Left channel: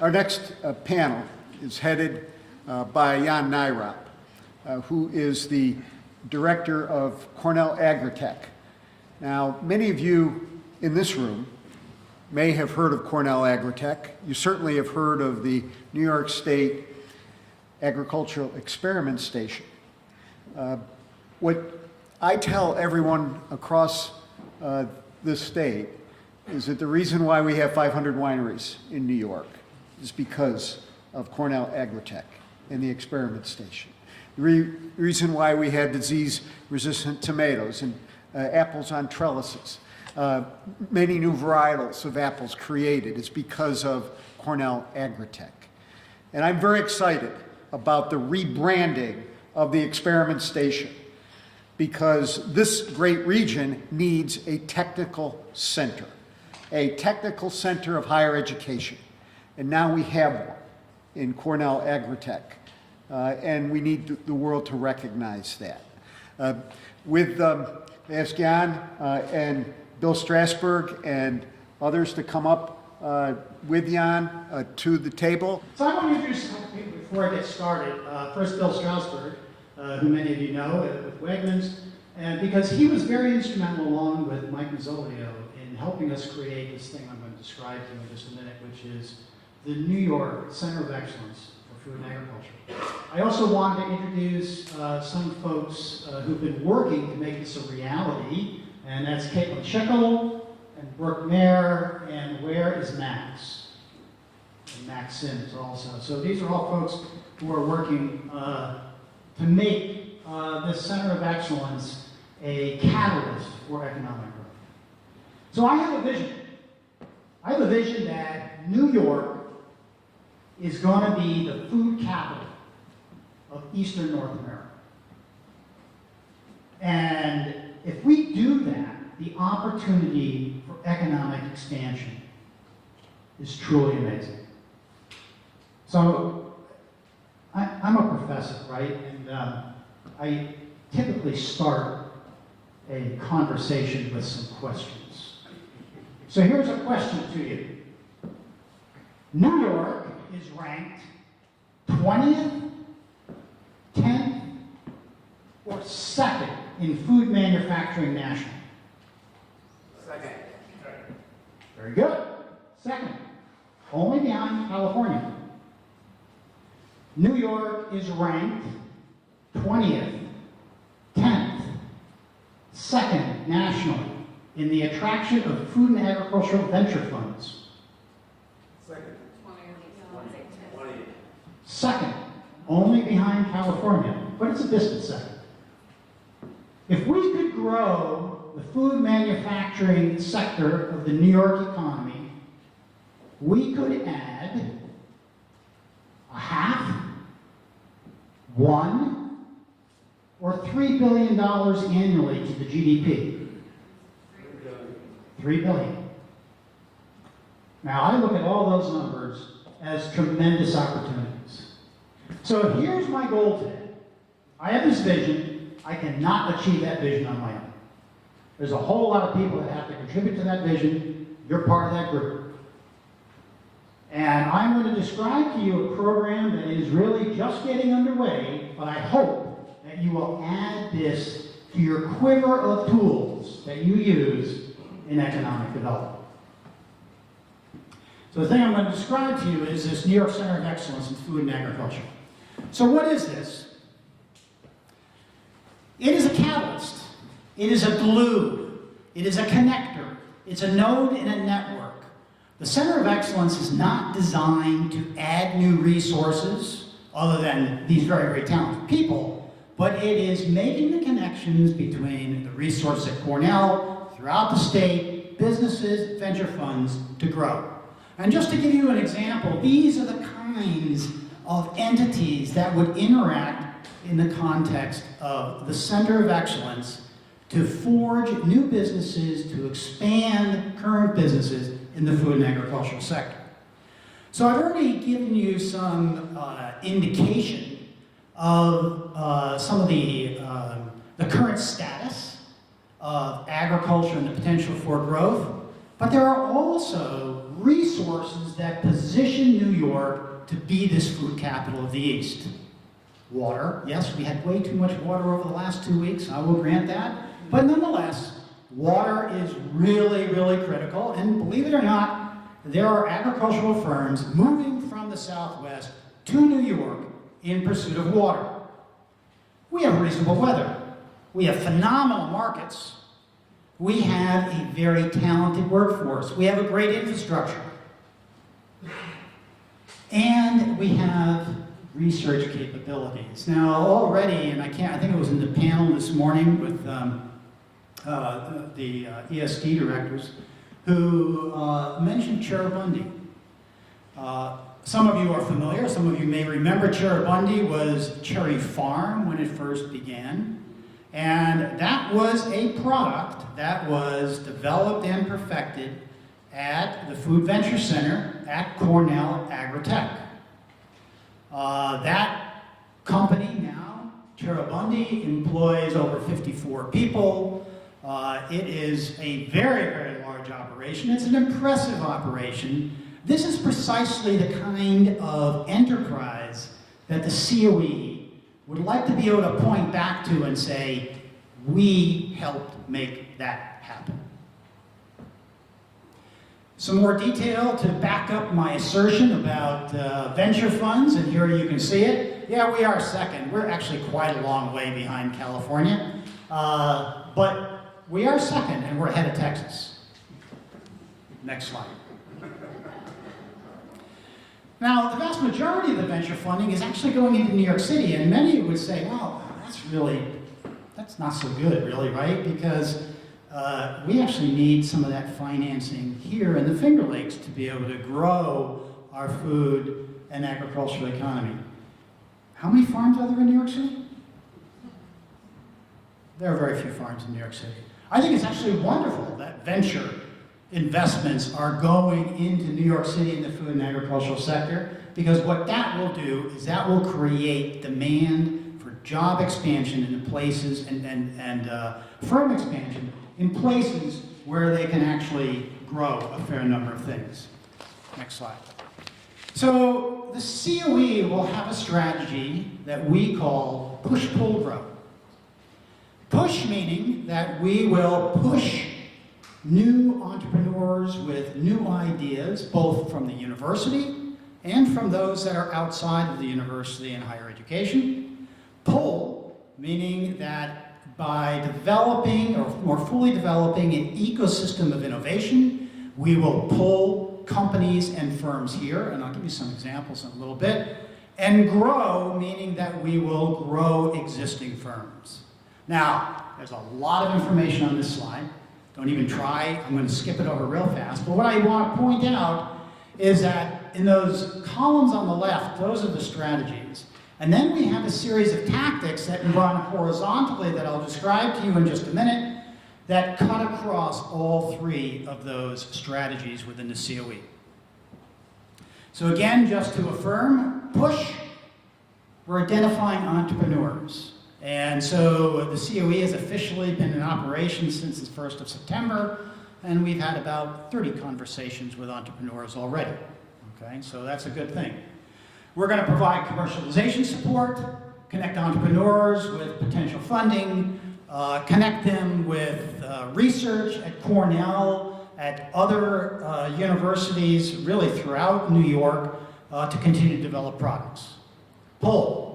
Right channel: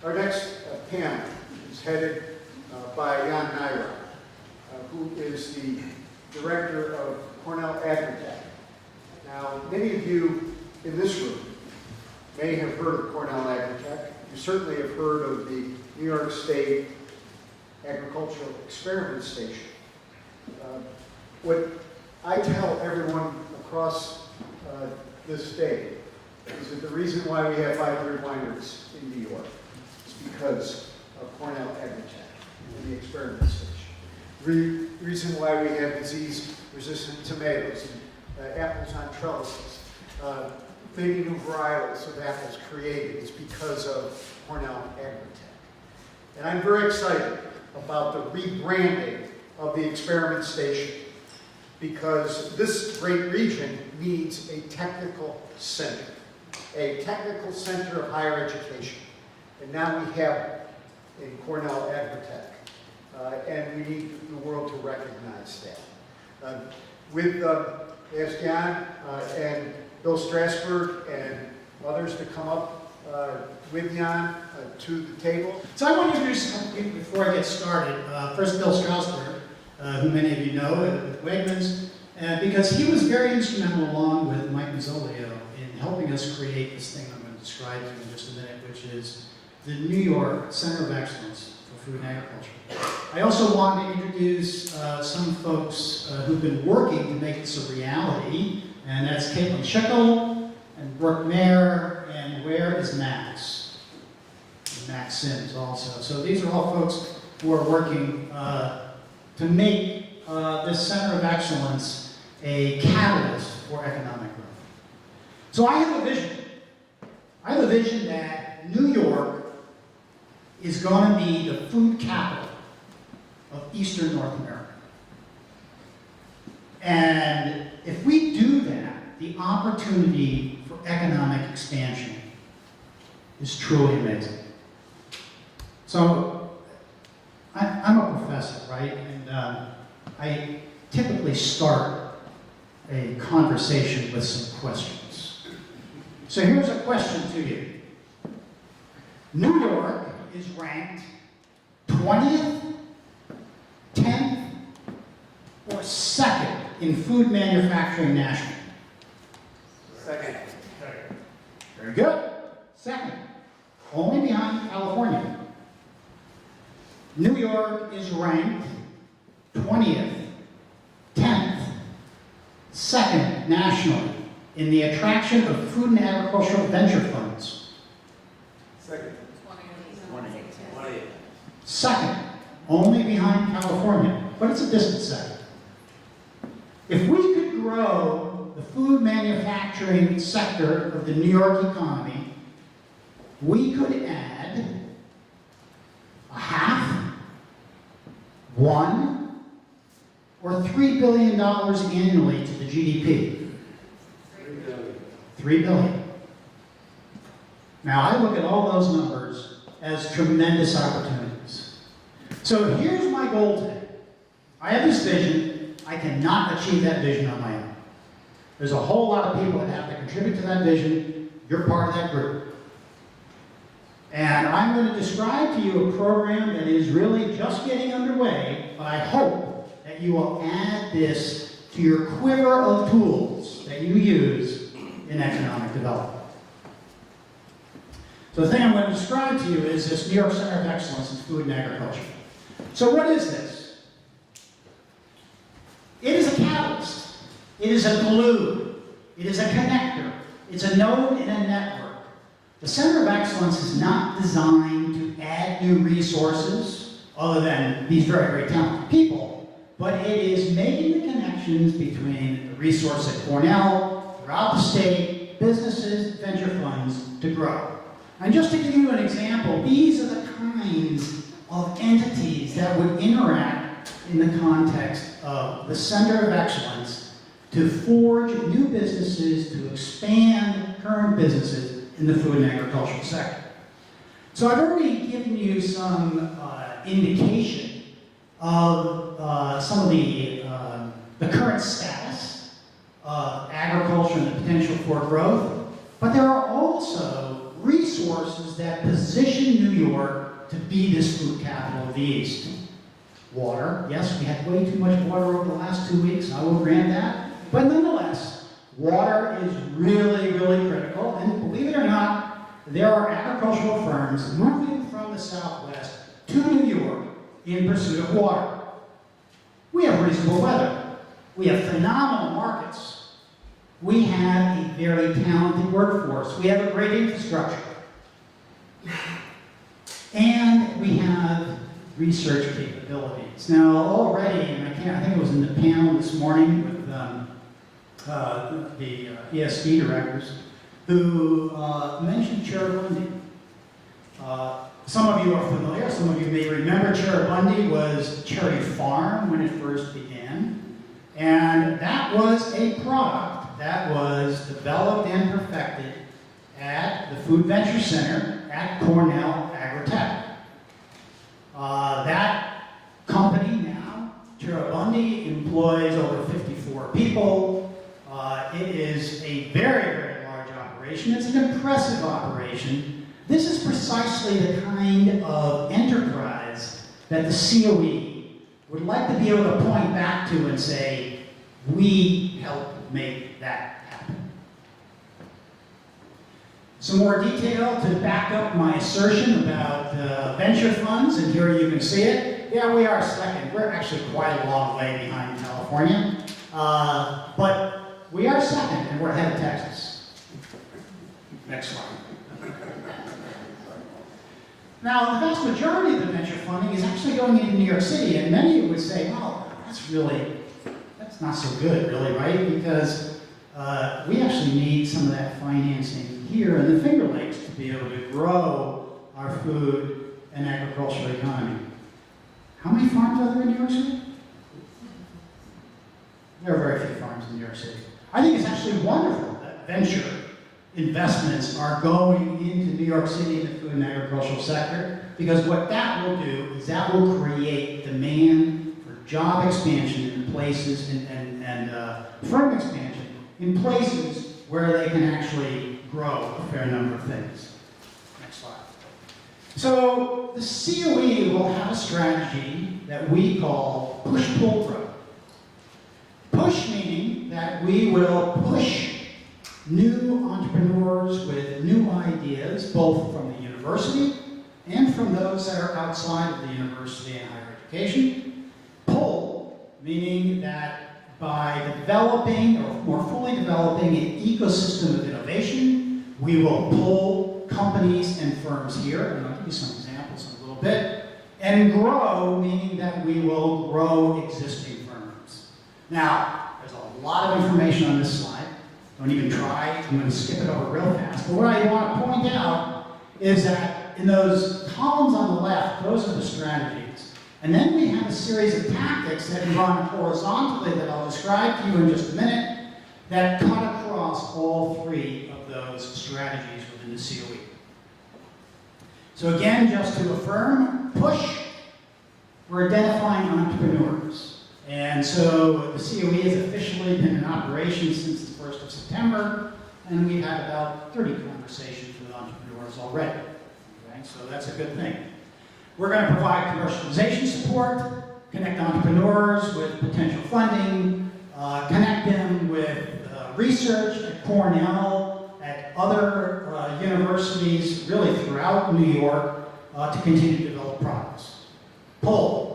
Our next panel is headed by Nyrop, who is the director of Cornell Tech. Now, many of you in this room may have heard of Cornell Tech. You certainly have heard of the New York State Agricultural Experiment Station. What I tell everyone across this state is that the reason why we have 500 wineries in New York is because of Cornell Tech and the experiment station. The reason why we had disease-resistant tomatoes and apples on trellises, many new varietals of apples created, is because of Cornell Tech. And I'm very excited about the rebranding of the experiment station, because this great region needs a technical center of higher education. And now we have it in Cornell Tech. And we need the world to recognize that. Ask Jan and Bill Strassburg and others to come up with Jan to the table. So I want to introduce some people before I get started. First, Bill Strassburg, who many of you know with Wegmans, because he was very instrumental, along with Mike Mazzolio, in helping us create this thing I'm going to describe to you in just a minute, which is the New York Center of Excellence for Food and Agriculture. I also want to introduce some folks who've been working to make this a reality, and that's Caitlin Schickel and Brooke Mayer, and where is Max? And Max Sims also. So these are all folks who are working to make this Center of Excellence a catalyst for economic growth. So I have a vision. I have a vision that New York is going to be the food capital of Eastern North America. And if we do that, the opportunity for economic expansion is truly amazing. So I'm a professor, right? And I typically start a conversation with some questions. So here's a question to you. New York is ranked 20th, 10th, or 2nd in food manufacturing nationally? Second. Very good. 2nd, only behind California. New York is ranked 20th, 10th, 2nd nationally in the attraction of food and agricultural venture funds. Second. 2nd, only behind California, but it's a distant second. If we could grow the food manufacturing sector of the New York economy, we could add a half, $1, or $3 billion annually to the GDP. $3 billion. Now, I look at all those numbers as tremendous opportunities. So here's my goal today. I have this vision. I cannot achieve that vision on my own. There's a whole lot of people that have to contribute to that vision. You're part of that group. And I'm going to describe to you a program that is really just getting underway, but I hope that you will add this to your quiver of tools that you use in economic development. So the thing I'm going to describe to you is this New York Center of Excellence in Food and Agriculture. So what is this? It is a catalyst. It is a glue. It is a connector. It's a node in a network. The Center of Excellence is not designed to add new resources, other than these very, very talented people, but it is making the connections between the resources at Cornell, throughout the state, businesses, venture funds, to grow. And just to give you an example, these are the kinds of entities that would interact in the context of the Center of Excellence to forge new businesses, to expand current businesses in the food and agricultural sector. So I've already given you some indication of some of the current status of agriculture and the potential for growth, but there are also resources that position New York York to be this food capital of the East. Water, yes, we had way too much water over the last 2 weeks, I will grant that. But nonetheless, water is really, really critical. And believe it or not, there are agricultural firms moving from the Southwest to New York in pursuit of water. We have reasonable weather. We have phenomenal markets. We have a very talented workforce. We have a great infrastructure. And we have research capabilities. Now, already, and I think it was in the panel this morning with the ESD directors, who mentioned Cheribundi. Some of you are familiar, some of you may remember Cheribundi was Cherry Farm when it first began. And that was a product that was developed and perfected at the Food Venture Center at Cornell Tech. That company now, Cheribundi, employs over 54 people. It is a very, very large operation. It's an impressive operation. This is precisely the kind of enterprise that the COE would like to be able to point back to and say, we helped make that happen. Some more detail to back up my assertion about venture funds, and here you can see it. Yeah, we are second. We're actually quite a long way behind California, but we are second, and we're ahead of Texas. Next slide. Now, the vast majority of the venture funding is actually going into New York City, and many would say, well, that's not so good, really, right? Because we actually need some of that financing here in the Finger Lakes to be able to grow our food and agricultural economy. How many farms are there in New York City? There are very few farms in New York City. I think it's actually wonderful that venture investments are going into New York City in the food and agricultural sector, because what that will do is that will create demand for job expansion in places and firm expansion in places where they can actually grow a fair number of things. Next slide. So the COE will have a strategy that we call push-pull-grow. Push meaning that we will push new entrepreneurs with new ideas, both from the university and from those that are outside of the university and higher education. Pull, meaning that by developing, or more fully developing, an ecosystem of innovation, we will pull companies and firms here, and I'll give you some examples in a little bit. And grow, meaning that we will grow existing firms. Now, there's a lot of information on this slide. Don't even try, I'm going to skip it over real fast. But what I want to point out is that in those columns on the left, those are the strategies. And then we have a series of tactics that run horizontally that I'll describe to you in just a minute that cut across all three of those strategies within the COE. So again, just to affirm, push, we're identifying entrepreneurs. And so the COE has officially been in operation since the 1st of September, and we've had about 30 conversations with entrepreneurs already. Okay, so that's a good thing. We're going to provide commercialization support, connect entrepreneurs with potential funding, connect them with research at Cornell, at other universities, really throughout New York, to continue to develop products. Pull.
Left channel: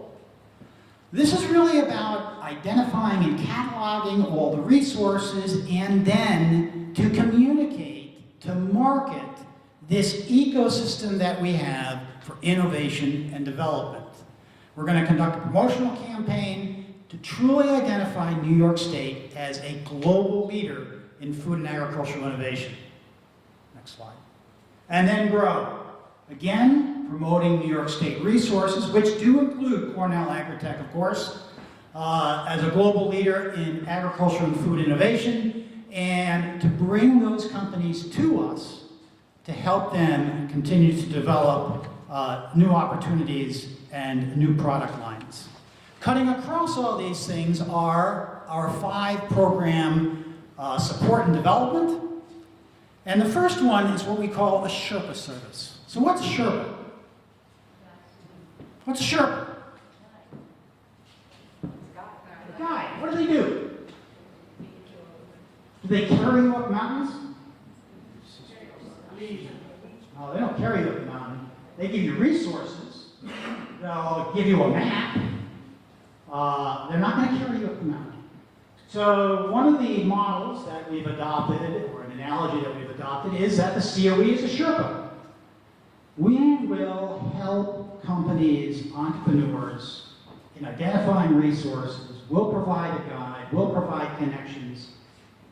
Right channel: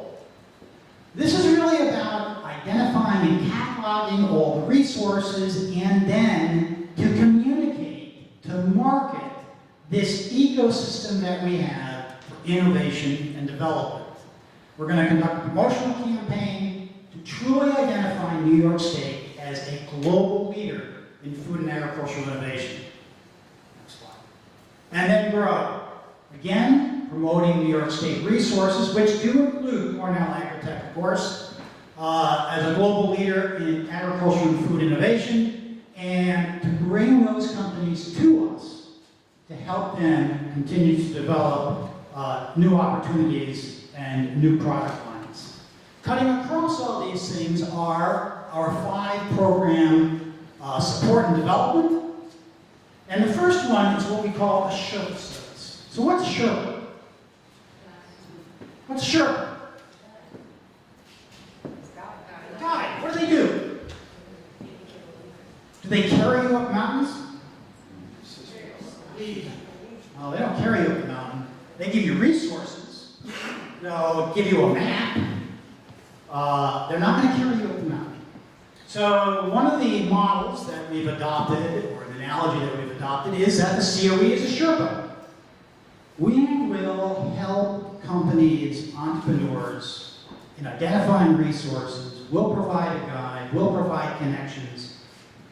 This is really about identifying and cataloging all the resources and then to communicate, to market this ecosystem that we have for innovation and development. We're going to conduct a promotional campaign to truly identify New York State as a global leader in food and agricultural innovation. Next slide. And then grow. Again, promoting New York State resources, which do include Cornell Tech, of course, as a global leader in agriculture and food innovation, and to bring those companies to us to help them continue to develop new opportunities and new product lines. Cutting across all these things are our 5 program support and development. And the first one is what we call a Sherpa service. So what's Sherpa? What's a Sherpa? Guide. What do they do? Do they carry you up mountains? No, they don't carry you up the mountain. They give you resources. They'll give you a map. They're not going to carry you up the mountain. So one of the models that we've adopted, or an analogy that we've adopted, is that the COE is a Sherpa. We will help companies, entrepreneurs, in identifying resources. We'll provide a guide. We'll provide connections.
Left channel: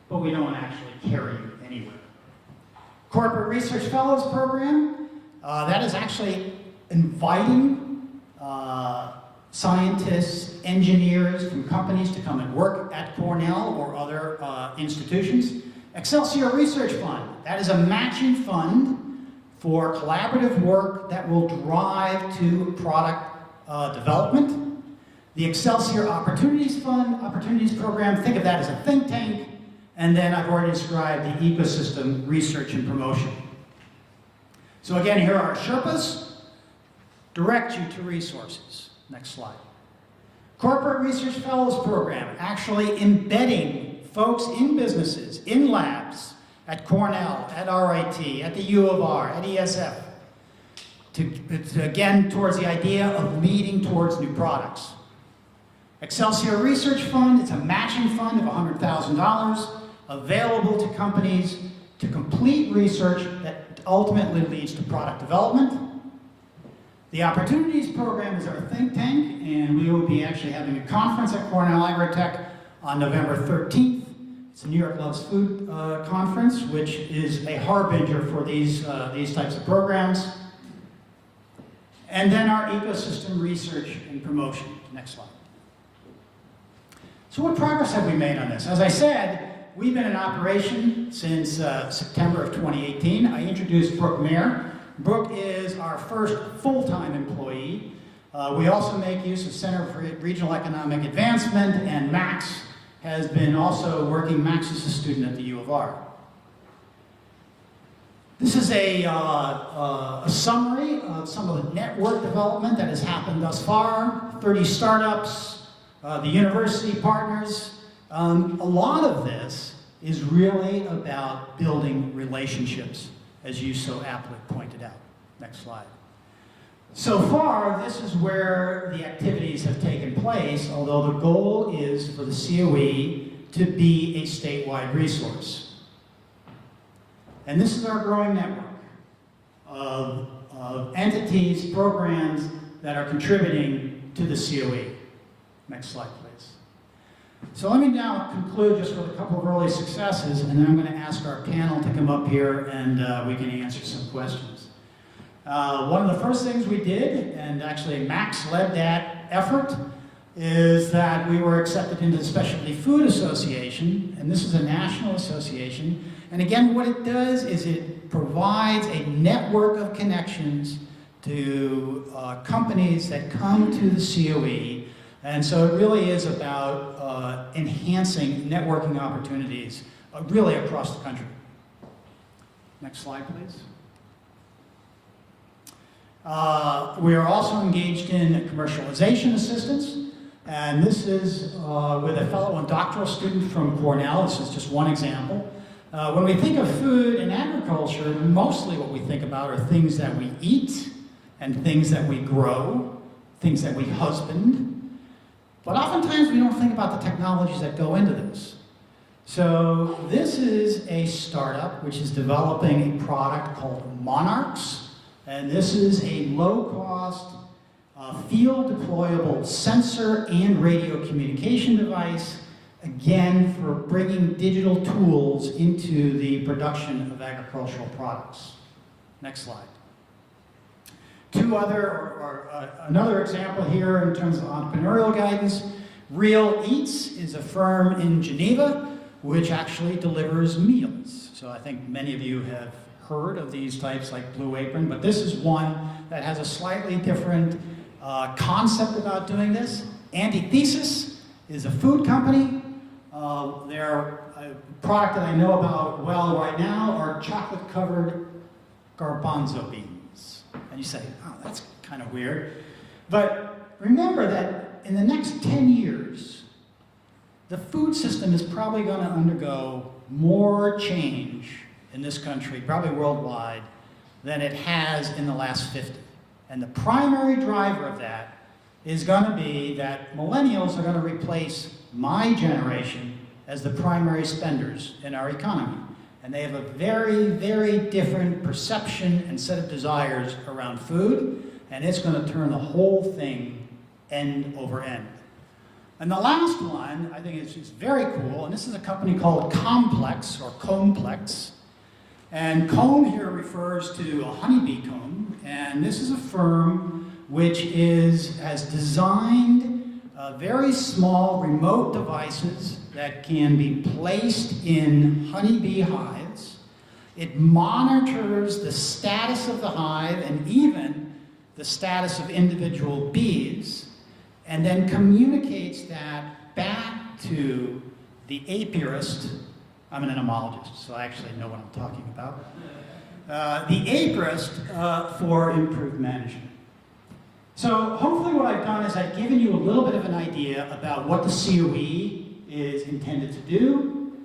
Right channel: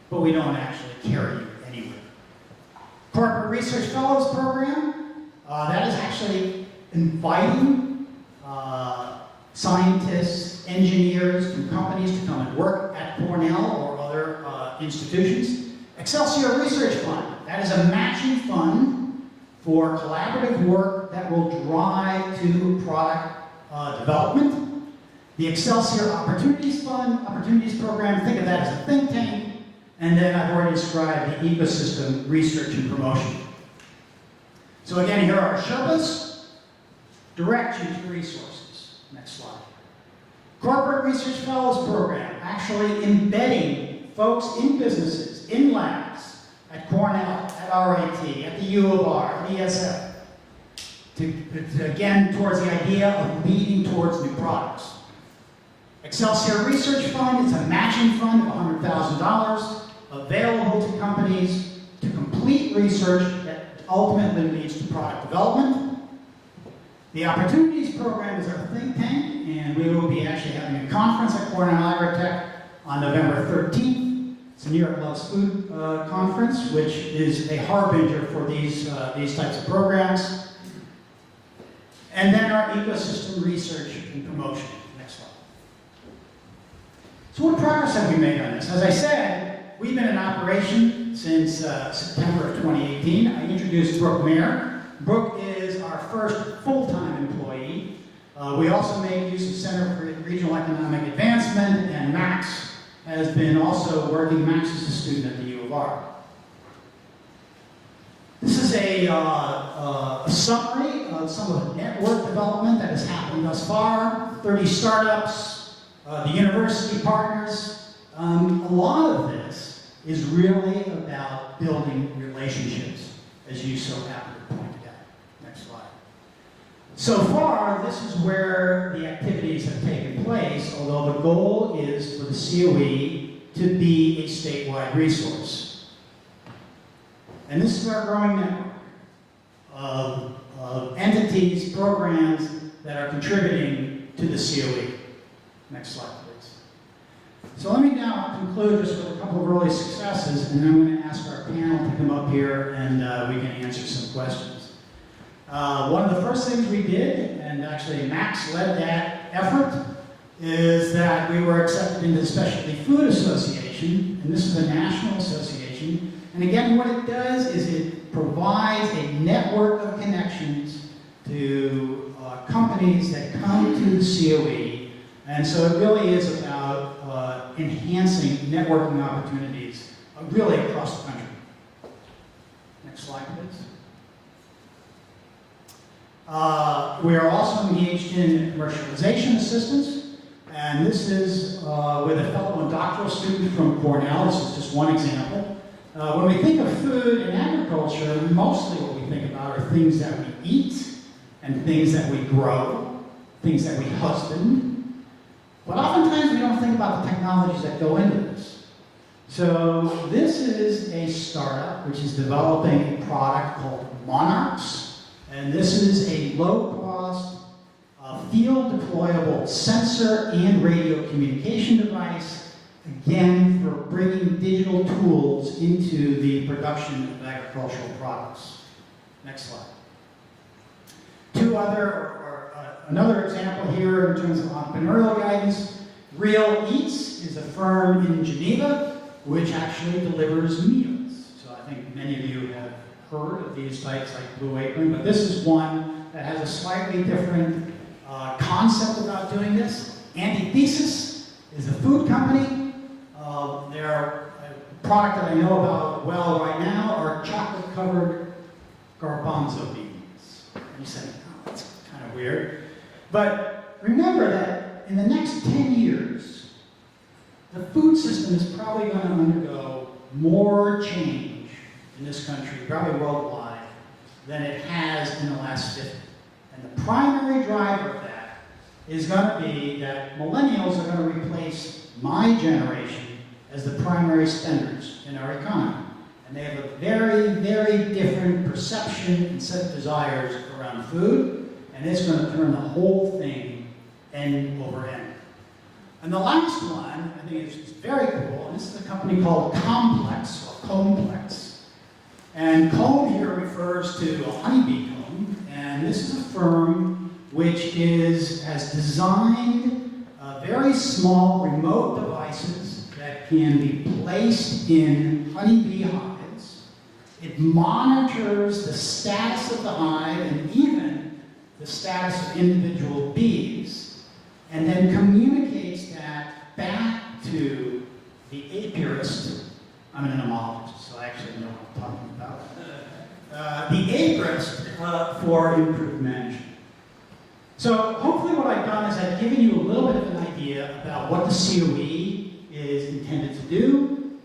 But we don't actually carry you anywhere. Corporate Research Fellows Program, that is actually inviting scientists, engineers from companies to come and work at Cornell or other institutions. Excelsior Research Fund, that is a matching fund for collaborative work that will drive to product development. The Excelsior Opportunities Fund, Opportunities Program, think of that as a think tank. And then I've already described the ecosystem research and promotion. So again, here are Sherpas. Direct you to resources. Next slide. Corporate Research Fellows Program, actually embedding folks in businesses, in labs, at Cornell, at RIT, at the U of R, at ESF, again, towards the idea of leading towards new products. Excelsior Research Fund, it's a matching fund of $100,000 available to companies to complete research that ultimately leads to product development. The Opportunities Program is our think tank, and we will be actually having a conference at Cornell Tech on November 13th. It's a Nyrop Loves Food conference, which is a harbinger for these types of programs. And then our ecosystem research and promotion. Next slide. So what progress have we made on this? As I said, we've been in operation since September of 2018. I introduced Brooke Mayer. Brooke is our first full-time employee. We also make use of Center for Regional Economic Advancement, and Max has been also working. Max is a student at the U of R. This is a summary of some of the network development that has happened thus far. 30 startups, the university partners. A lot of this is really about building relationships, as you so aptly pointed out. Next slide. So far, this is where the activities have taken place, although the goal is for the COE to be a statewide resource. And this is our growing network of entities, programs that are contributing to the COE. Next slide, please. So let me now conclude just with a couple of early successes, and then I'm going to ask our panel to come up here and we can answer some questions. One of the first things we did, and actually Max led that effort, is that we were accepted into the Specialty Food Association, and this is a national association. And again, what it does is it provides a network of connections to companies that come to the COE. And so it really is about enhancing networking opportunities really across the country. Next slide, please. We are also engaged in commercialization assistance, and this is with a fellow and doctoral student from Cornell. This is just one example. When we think of food and agriculture, mostly what we think about are things that we eat and things that we grow, things that we husband. But oftentimes we don't think about the technologies that go into this. So this is a startup which is developing a product called Monarchs. And this is a low-cost, field-deployable sensor and radio communication device, again, for bringing digital tools into the production of agricultural products. Next slide. Another example here in terms of entrepreneurial guidance. Real Eats is a firm in Geneva which actually delivers meals. So I think many of you have heard of these types like Blue Apron, but this is one that has a slightly different concept about doing this. Antithesis is a food company. Their product that I know about well right now are chocolate-covered garbanzo beans. And you say, oh, that's kind of weird. But remember that in the next 10 years, the food system is probably going to undergo more change in this country, probably worldwide, than it has in the last 50. And the primary driver of that is going to be that millennials are going to replace my generation as the primary spenders in our economy. And they have a very, very different perception and set of desires around food, and it's going to turn the whole thing end over end. And the last one, I think it's very cool, and this is a company called Complex, or Complex. And comb here refers to a honeybee comb, and this is a firm which has designed very small remote devices that can be placed in honeybee hives. It monitors the status of the hive and even the status of individual bees, and then communicates that back to the apiarist. I'm an entomologist, so I actually know what I'm talking about. The apiarist for improved management. So hopefully what I've done is I've given you a little bit of an idea about what the COE is intended to do,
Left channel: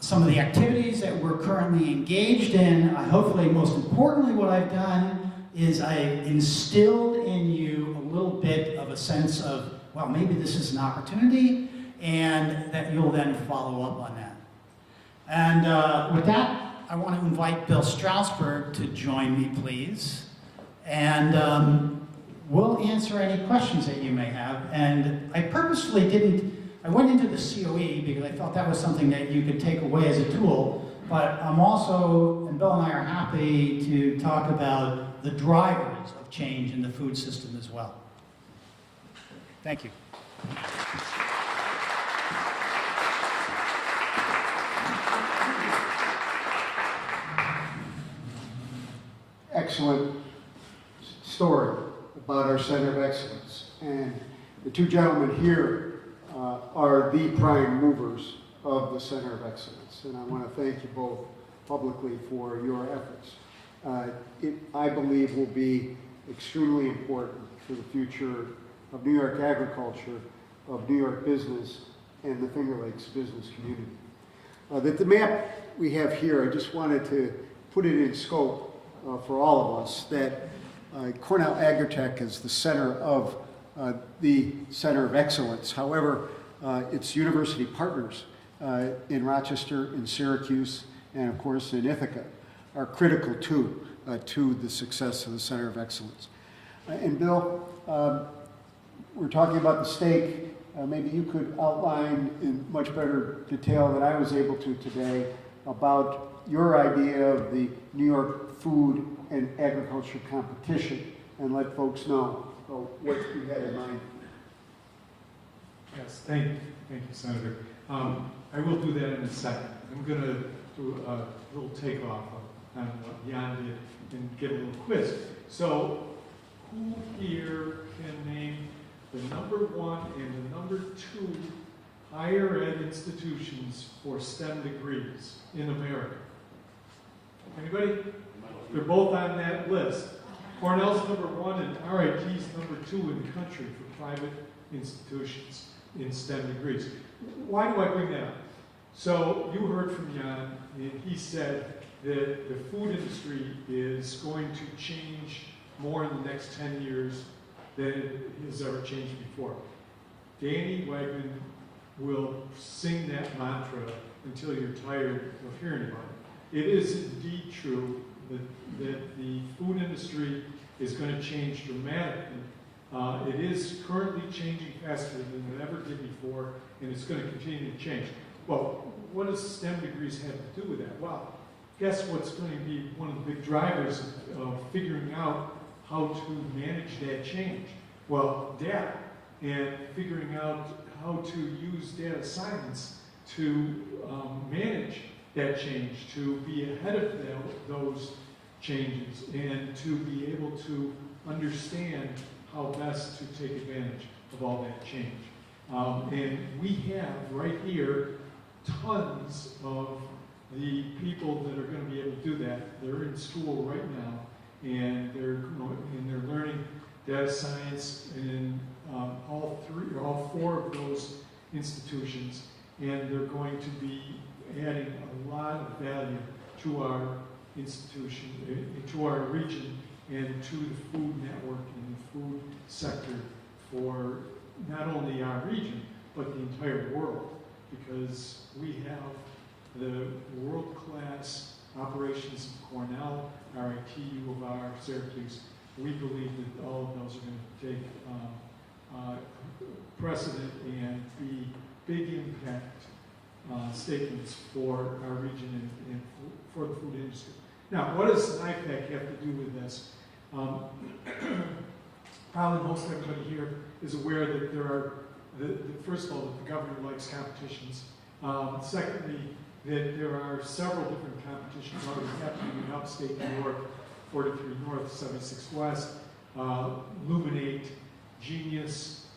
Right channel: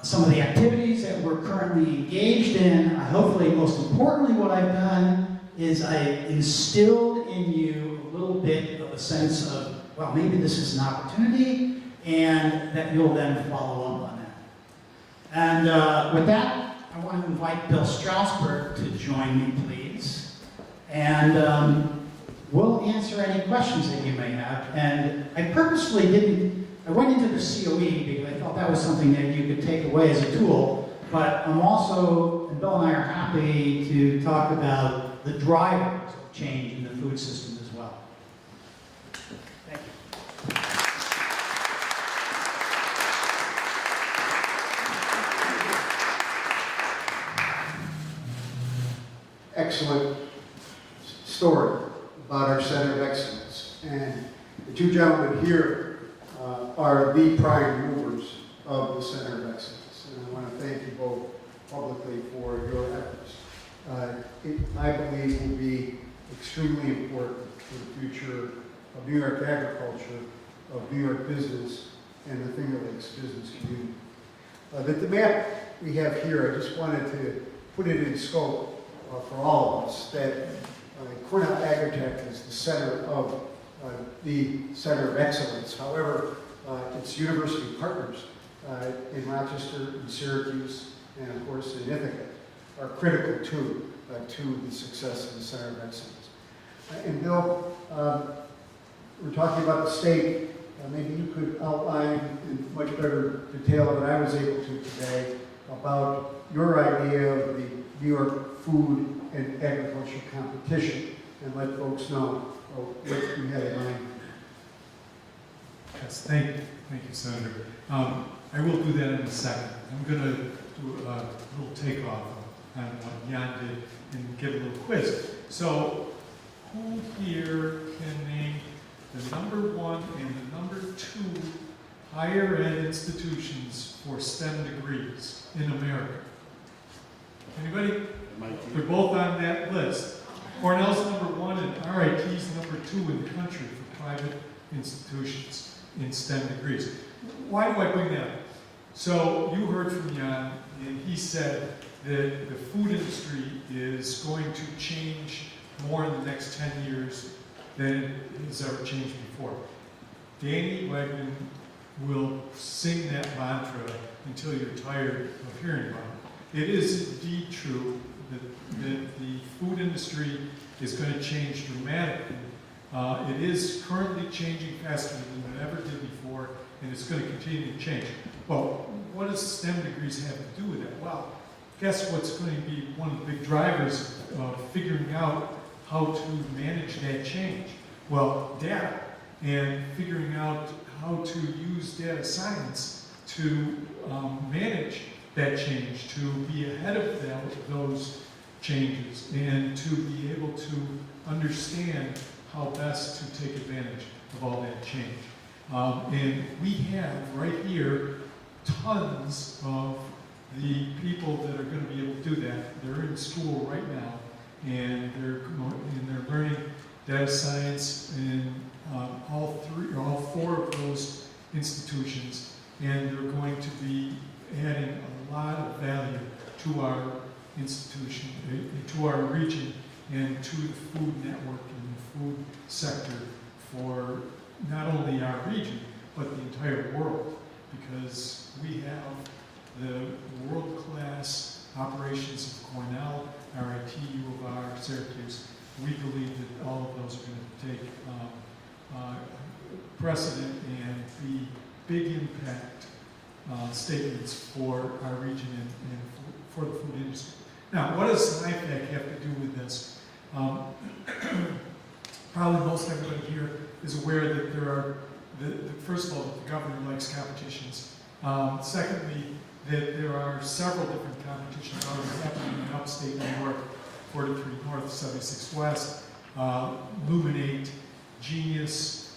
some of the activities that we're currently engaged in. Hopefully, most importantly, what I've done is I instilled in you a little bit of a sense of, well, maybe this is an opportunity, and that you'll then follow up on that. And with that, I want to invite Bill Strassburg to join me, please. And we'll answer any questions that you may have. And I purposely I went into the COE because I felt that was something that you could take away as a tool, but I'm also, and Bill and I are happy to talk about the drivers of change in the food system as well. Thank you. Excellent story about our Center of Excellence. And the two gentlemen here are the prime movers of the Center of Excellence. And I want to thank you both publicly for your efforts. It, I believe, will be extremely important for the future of New York agriculture, of New York business, and the Finger Lakes business community. The map we have here, I just wanted to put it in scope for all of us, that Cornell Agritech is the center of the Center of Excellence. However, its university partners in Rochester, in Syracuse, and of course in Ithaca are critical to the success of the Center of Excellence. And Bill, we're talking about the state. Maybe you could outline in much better detail than I was able to today about your idea of the New York food and agriculture competition, and let folks know what you had in mind. Yes, thank you, Senator. I will do that in a second. I'm going to do a little takeoff on what Jan did and give a little quiz. So, who here can name the number 1 and the number 2 higher ed institutions for STEM degrees in America? Anybody? They're both on that list. Cornell's number 1 and RIT's number 2 in the country for private institutions in STEM degrees. Why do I bring that up? So you heard from Jan, and he said that the food industry is going to change more in the next 10 years than it has ever changed before. Danny Wegman will sing that mantra until you're tired of hearing about it. It is indeed true that the food industry is going to change dramatically. It is currently changing faster than it ever did before, and it's going to continue to change. Well, what does STEM degrees have to do with that? Well, guess what's going to be one of the big drivers of figuring out how to manage that change? Well, data, and figuring out how to use data science to manage that change, to be ahead of those changes, and to be able to understand how best to take advantage of all that change. And we have right here tons of the people that are going to be able to do that. They're in school right now, and they're learning data science in all four of those institutions, and they're going to be adding a lot of value to our institution, to our region, and to the food network and the food sector for not only our region, but the entire world, because we have the world-class operations of Cornell, RIT, U of R, Syracuse. We believe that all of those are going to take precedent and be big impact statements for our region and for the food industry. Now, what does NYPAC have to do with this? Probably most everybody here is aware that there are, first of all, that the governor likes competitions. Secondly, that there are several different competitions already happening in upstate New York, 43 North, 76 West, Luminate, Genius.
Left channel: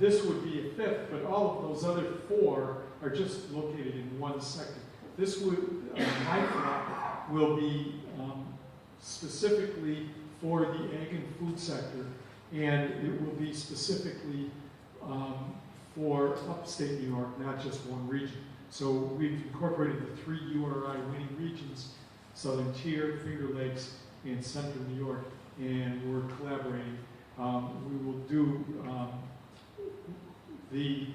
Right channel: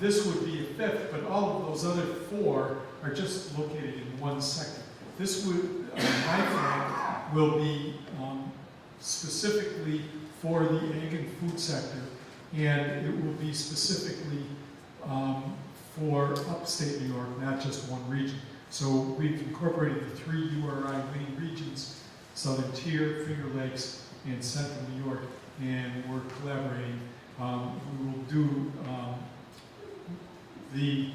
This would be a fifth, but all of those other four are just located in one sector. This would, NYPAC will be specifically for the ag and food sector, and it will be specifically for upstate New York, not just one region. So we've incorporated the 3 URI winning regions, Southern Tier, Finger Lakes, and Central New York, and we're collaborating. We will do the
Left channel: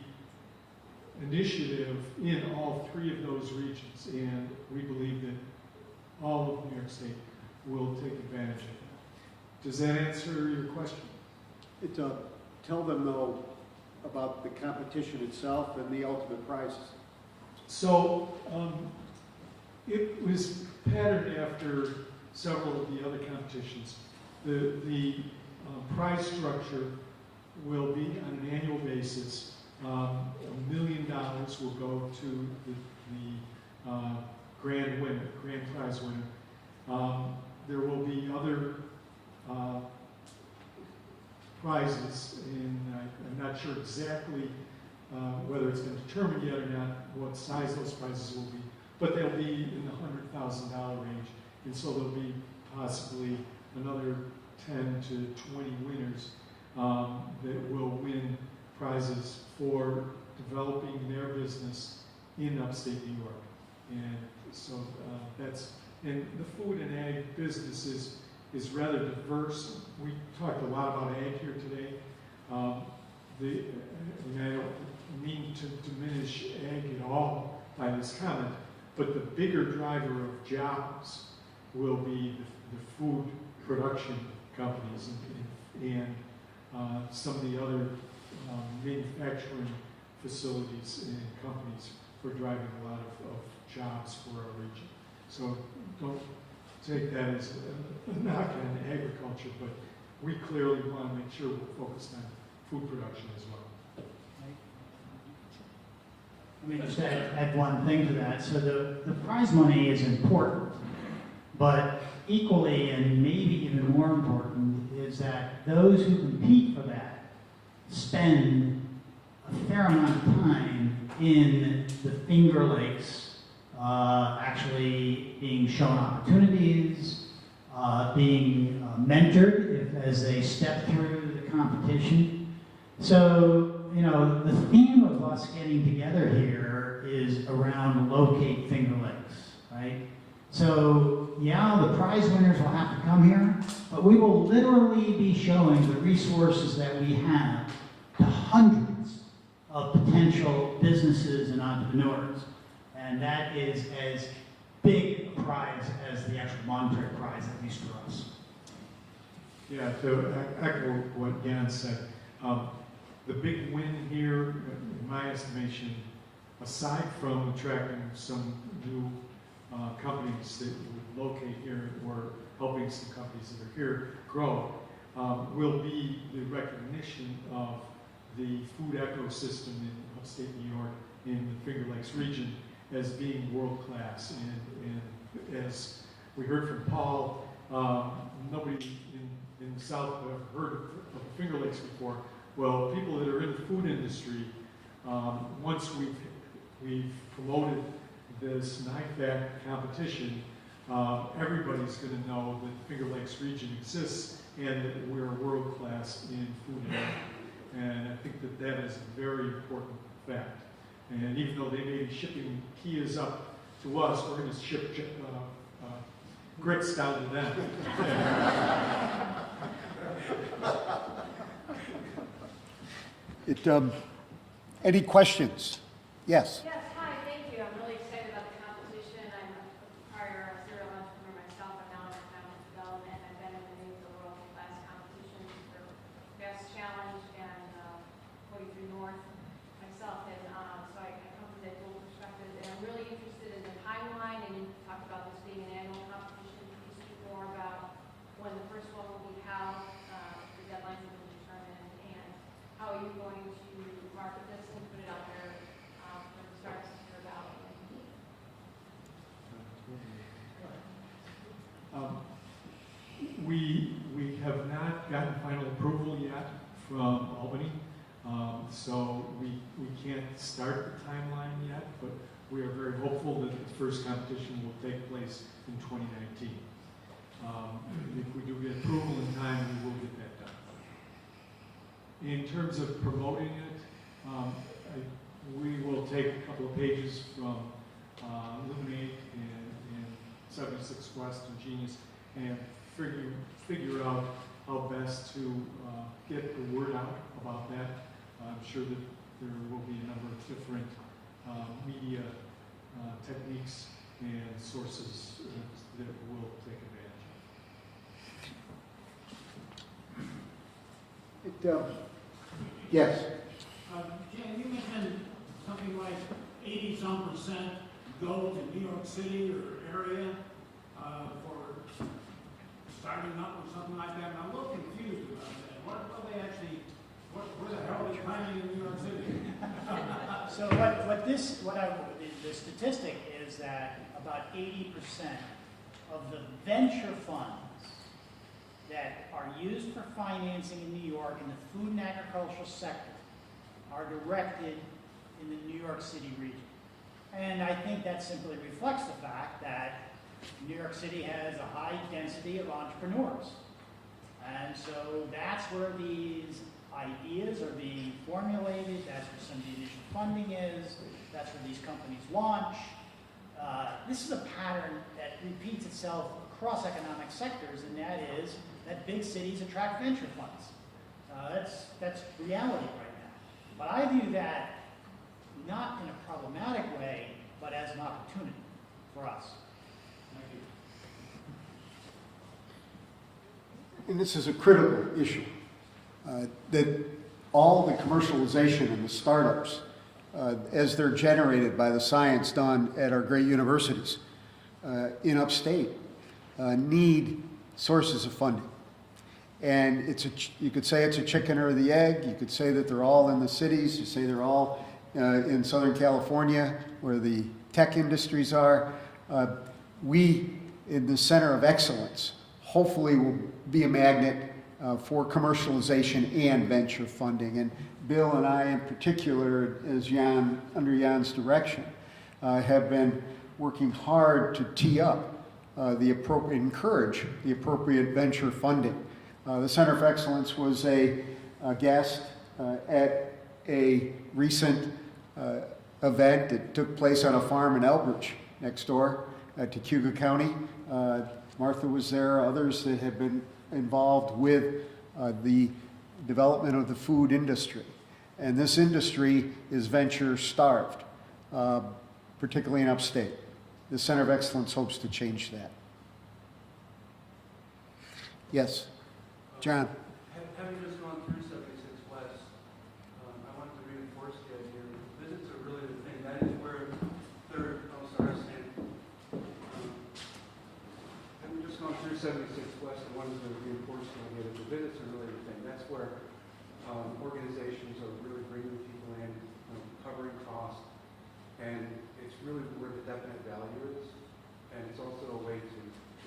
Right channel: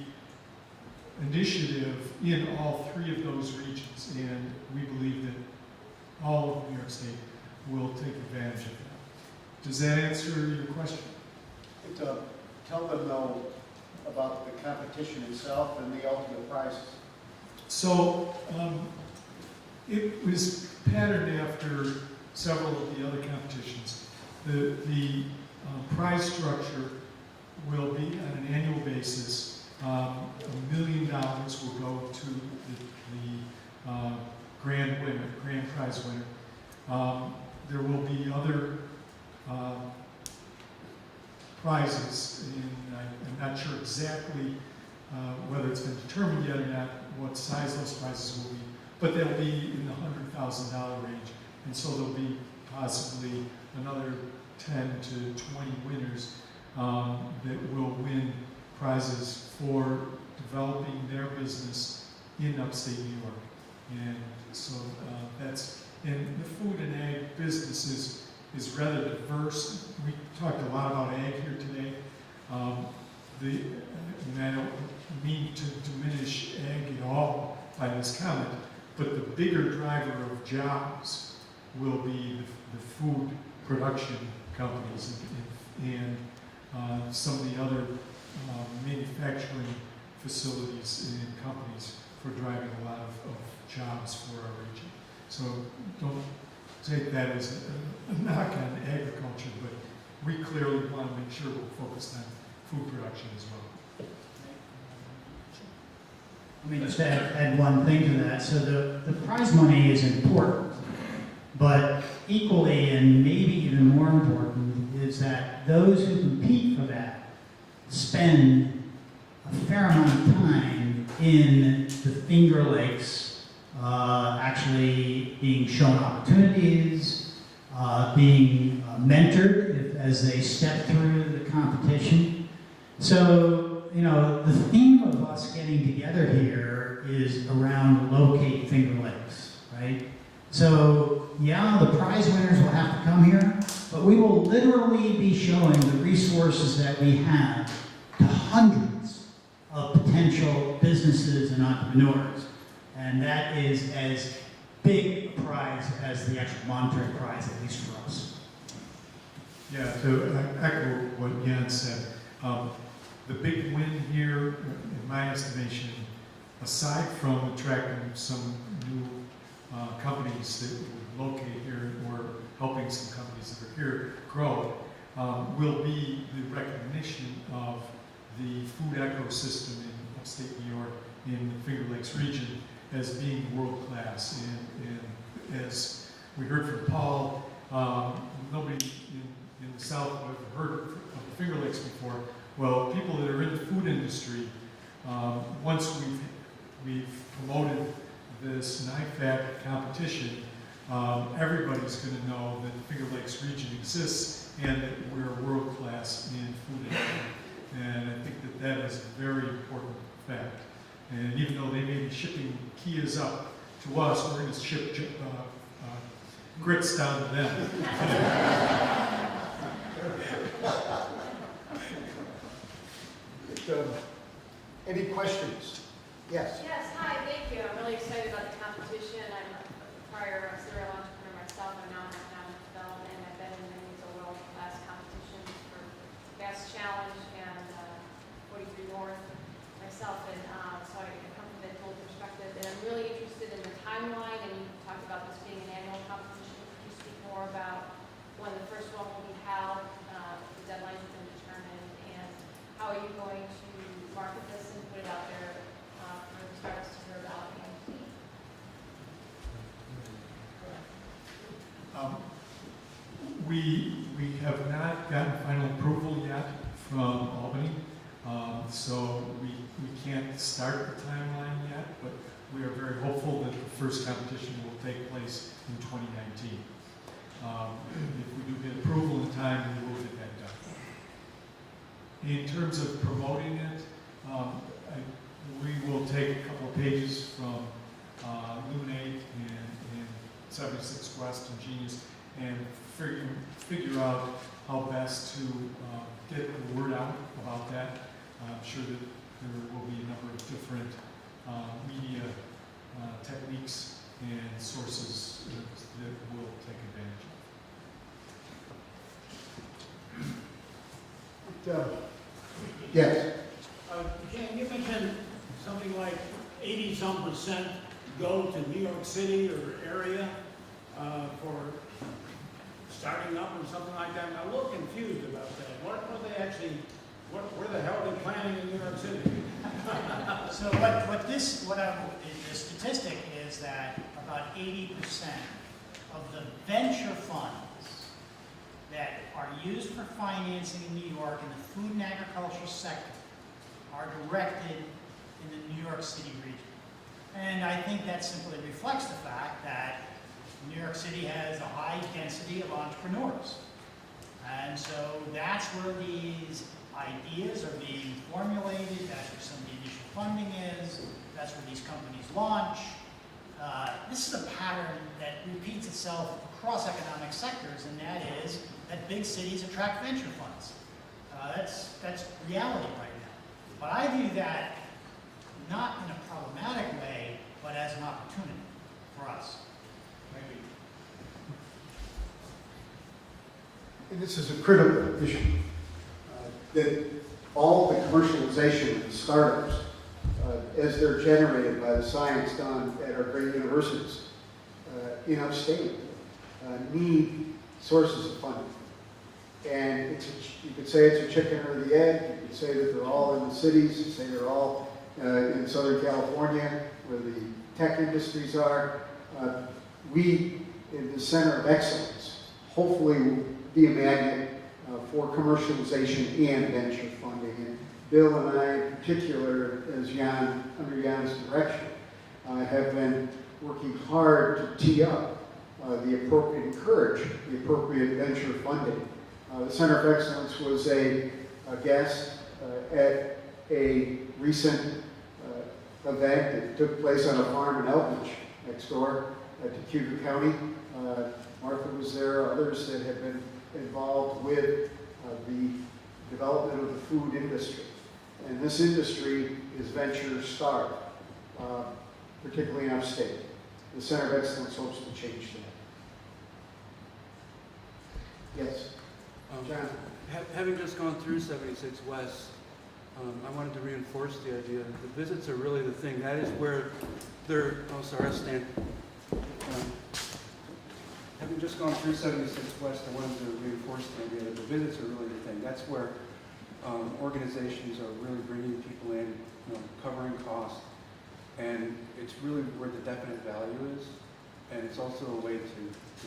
initiative in all 3 of those regions, and we believe that all of New York State will take advantage of that. Does that answer your question? Tell them though about the competition itself and the ultimate prizes. So it was patterned after several of the other competitions. The prize structure will be on an annual basis. $1 million will go to the grand winner, grand prize winner. There will be other prizes, and I'm not sure exactly whether it's been determined yet or not what size those prizes will be, but they'll be in the $100,000 range, and so there'll be possibly another 10 to 20 winners that will win prizes for developing their business in upstate New York. And so and the food and ag business is rather diverse. We talked a lot about ag here today. I don't mean to diminish ag at all by this comment, but the bigger driver of jobs will be the food production companies and some of the other manufacturing facilities and companies for driving a lot of jobs for our region. So don't take that as a knock on agriculture, but we clearly want to make sure we're focused on food production as well. Let me just add one thing to that. So the prize money is important, but equally and maybe even more important is that those who compete for that spend a fair amount of time in the Finger Lakes, actually being shown opportunities, being mentored as they step through the competition. So, you know, the theme of us getting together here is around locate Finger Lakes, right? So, yeah, the prize winners will have to come here, but we will literally be showing the resources that we have to hundreds of potential businesses and entrepreneurs. And that is as big a prize as the actual monetary prize, at least for us. Yeah, to echo what Jan said, the big win here, in my estimation, aside from attracting some new companies that would locate here or helping some companies that are here grow, will be the recognition of the food ecosystem in upstate New York, in the Finger Lakes region, as being world-class. And as we heard from Paul, nobody in the South would have heard of the Finger Lakes before. Well, people that are in the food industry, once we've promoted this NYPAC competition, everybody's going to know that the Finger Lakes region exists and that we're world-class And even though they may be shipping Kias up to us, we're going to ship grits down to them. Any questions? Yes. Yes, hi, thank you. I'm really excited about the competition. I'm a prior serial entrepreneur myself. I'm now in economic development. I've been in many of the world-class competitions for Fast Challenge and 43 North myself. And so I come from that dual perspective. And I'm really interested in the timeline. And you talked about this being an annual competition. Can you speak more about when the first one will be held, the deadlines have been determined, and how are you going to market this and put it out there for the stars to hear about and see? We have not gotten final approval yet from Albany, so we can't start the timeline yet, but we are very hopeful that the first competition will take place in 2019. If we do get approval in time, we will get that done. In terms of promoting it, we will take a couple of pages from Luminate and 76 West and Genius and figure out how best to get the word out about that. I'm sure that there will be a number of different media techniques and sources that will take advantage of. Yes. Jan, you mentioned something like 80-some% go to New York City or area for starting up or something like that. I'm a little confused about that. What they actually, where the hell are they planning in New York City? So the statistic is that about 80% of the venture funds that are used for financing in New York in the food and agricultural sector are directed in the New York City region. And I think that simply reflects the fact that New York City has a high density of entrepreneurs. And so that's where these ideas are being formulated, that's where some of the initial funding is, that's where these companies launch. This is a pattern that repeats itself across economic sectors, and that is that big cities attract venture funds. That's reality right now. But I view that not in a problematic way, but as an opportunity for us. Thank you. And this is a critical issue, that all the commercialization of the startups, as they're generated by the science done at our great universities in upstate, need sources of funding. And you could say it's a chicken or the egg. You could say that they're all in the cities. You say they're all in Southern California, where the tech industries are. We, in the Center of Excellence, hopefully will be a magnet for commercialization and venture funding. And Bill and I, in particular, as under Jan's direction, have been working hard to tee up encourage the appropriate venture funding. The Center of Excellence was a guest at a recent event that took place on a farm in Elbridge, next door to Cuba County. Martha was there, others that have been involved with the development of the food industry. And this industry is venture starved, particularly in upstate. The Center of Excellence hopes to change that. Yes, John. Having just gone through 76 West, I wanted to reinforce the idea that the visits are really the thing. That is where they're, oh sorry, I stand. Having just gone through 76 West, I wanted to reinforce the idea that the visits are really the thing. That's where organizations are really bringing people in, covering costs, and it's really where the definite value is. And it's also a way to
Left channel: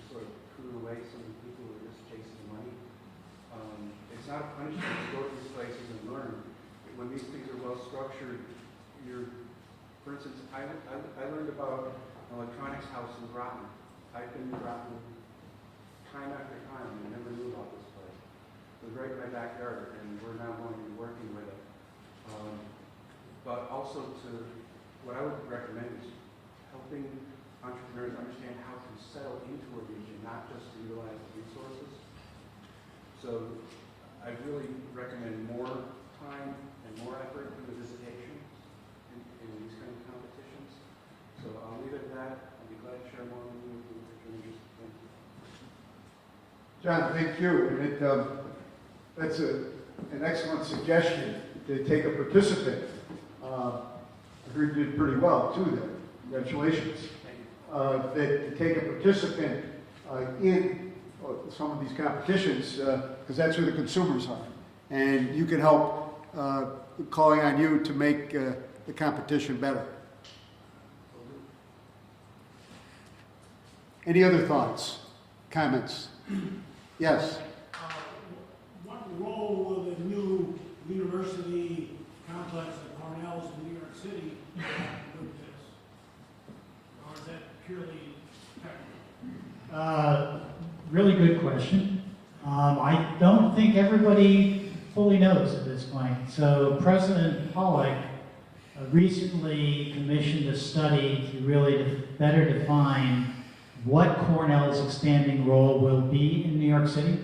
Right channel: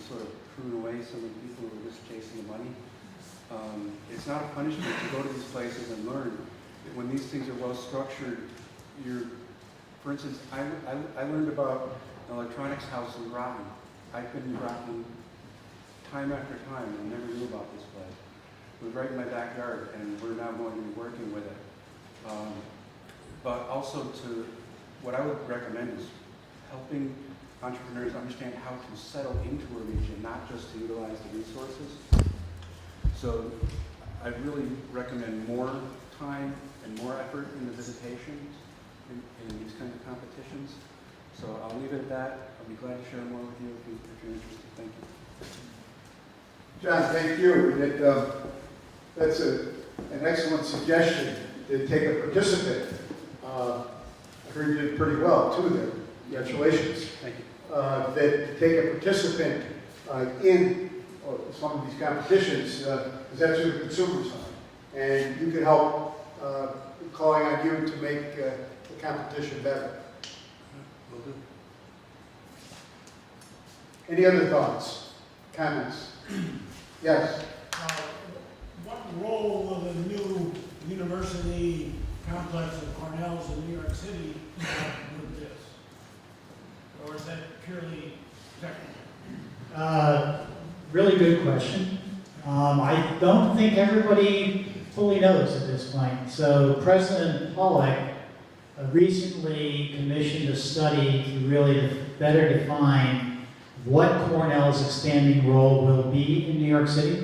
sort of prune away some of the people who are just chasing money. It's not a punishment to go to these places and learn. When these things are well structured, for instance, I learned about an electronics house in Groton. I've been in Groton time after time and never knew about this place. It was right in my backyard, and we're now going to be working with it. But also to what I would recommend is helping entrepreneurs understand how to settle into a region, not just to utilize the resources. So I really recommend more time and more effort in the visitations in these kinds of competitions. So I'll leave it at that. I'll be glad to share more with you if you're interested. Thank you. John, thank you. That's an excellent suggestion to take a participant. I heard you did pretty well too there. Congratulations. Thank you. That take a participant in some of these competitions, because that's who the consumers are. And you can help calling on you to make the competition better. Will do. Any other thoughts, comments? Yes. What role will the new university complex of Cornell's in New York City have with this? Or is that purely technical? Really good question. I don't think everybody fully knows at this point. So President Pollack recently commissioned a study to really better define what Cornell's expanding role will be in New York City.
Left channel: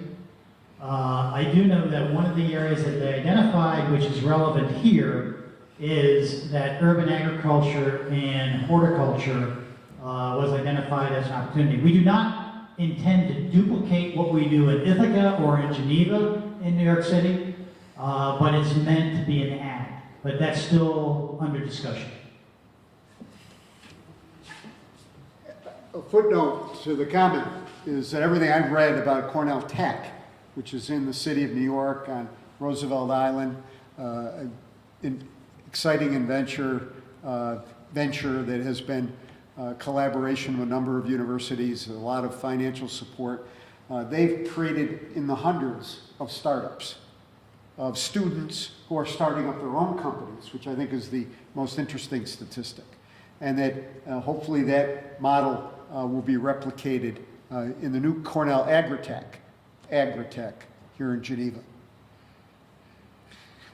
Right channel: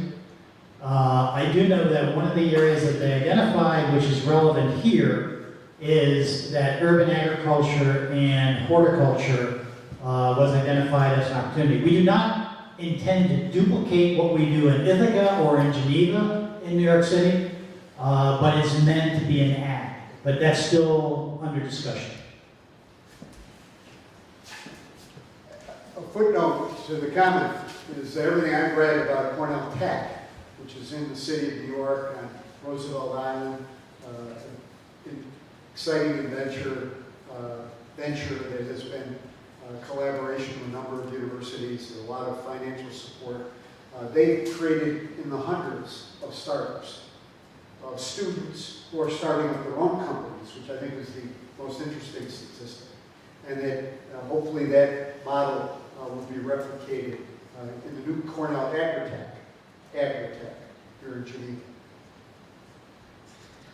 I do know that one of the areas that they identified, which is relevant here, is that urban agriculture and horticulture was identified as an opportunity. We do not intend to duplicate what we do in Ithaca or in Geneva in New York City, but it's meant to be an add. But that's still under discussion. A footnote to the comment is that everything I've read about Cornell Tech, which is in the city of New York on Roosevelt Island, an exciting venture that has been collaboration with a number of universities and a lot of financial support. They've created in the hundreds of startups, of students who are starting up their own companies, which I think is the most interesting statistic. And that hopefully that model will be replicated in the new Cornell Agritech here in Geneva.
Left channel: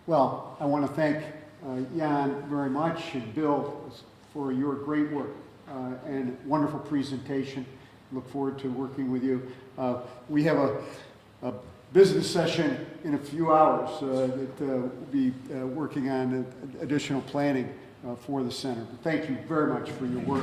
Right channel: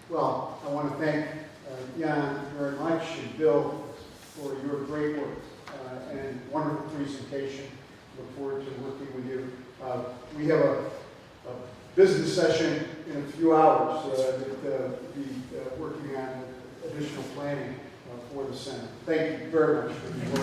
Well, I want to thank Jan very much and Bill for your great work and wonderful presentation. Look forward to working with you. We have a business session in a few hours that we'll be working on additional planning for the center. Thank you very much for your work.